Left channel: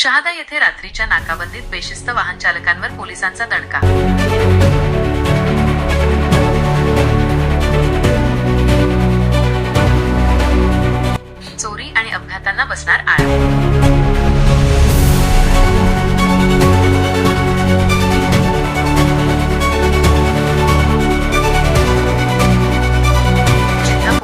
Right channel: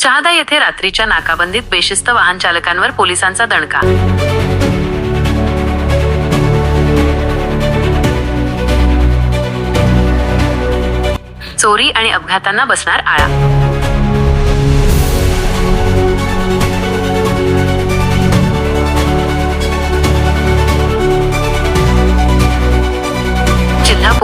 शहादा येथे रात्रीच्या नाकाबंदीत बेशिस्त वाहन चालकांवर पोलिसांचा दणका. चोरी आणि अपघातांना बसणार आळा.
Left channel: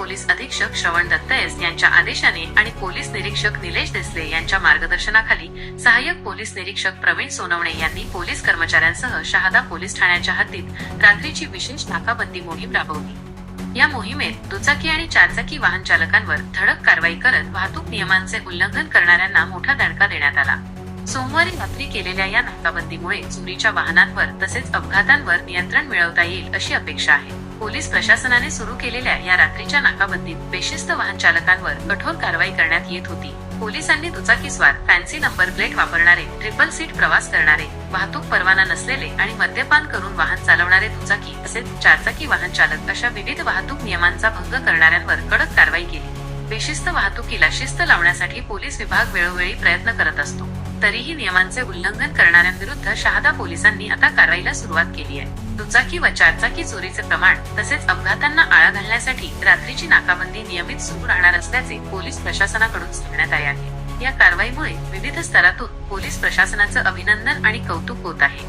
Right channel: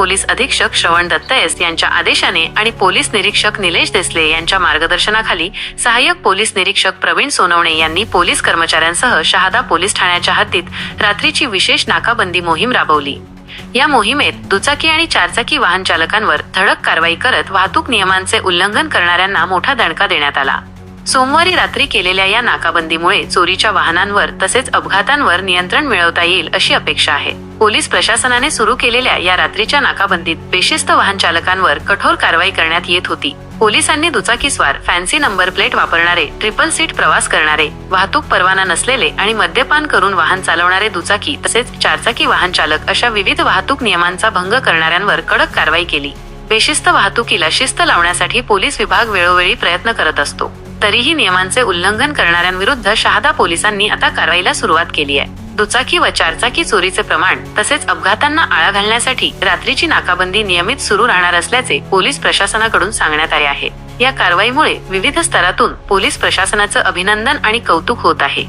पोलीस अधीक्षक श्रवण दत्त एस यांच्या आदेशाने आणि पोलीस निरीक्षक निलेश देसले यांच्या मार्गदर्शनाखाली सहाय्यक पोलीस निरीक्षक प्रवीण सोनवणे यांनी पोलीस कर्मचाऱ्यांसह शहादा पोलीस ठाण्याच्या हद्दीत रात्रीची विशेष नाकाबंदी मोहीम राबवली. या मोहिमेत दुचाकी आणि चारचाकी वाहन चालकांवर धडक कारवाई करत वाहतूक नियमांचे उल्लंघन करणाऱ्यांना मोठा दणका देण्यात आला. सोमवारी रात्री केलेल्या या नाकाबंदीमुळे चोरीच्या वाहनांवर तसेच अपघातांवर नियंत्रण मिळवता येईल अशी अपेक्षा आहे. पोलीस प्रशासनाने सुरू केलेल्या या रात्रीच्या नाकाबंदीत बेशिस्त वाहन चालकांवर कठोर कारवाई करण्यात येत होती. पोलिसांनी दुचाकीस्वार फॅन्सी नंबर प्लेट वापरणारे ट्रिपल सीट प्रवास करणारे वाहतूक परवाना नसलेले आणि मद्यपान करून वाहन चालवणारे दुचाकी तसेच चारचाकी वाहन चालक अशा विविध वाहतूक नियमांचा भंग करणाऱ्यांवर कडक कारवाई केली. बेशिस्त वाहतुकीला शिस्त लावण्यासाठी पोलीस विभाग वेळोवेळी प्रयत्न करत असतो. तरीही नियमांचे उल्लंघन करणाऱ्यांविरुद्ध शहादा पोलिसांनी आता कारवाईला सुरुवात केली आहे. दुचाकी व चारचाकी चोरीचे प्रमाण तसेच अपघातांना आळा घालण्यासाठी रात्रीची नाकाबंदी नियमित सुरू राहणार असल्याचे पोलीस प्रशासनाकडून सांगण्यात आले आहे. या कारवाईमुळे विविध स्तरातून पोलीस प्रशासनाचं अभिनंदन आणि कौतुक होत आहे.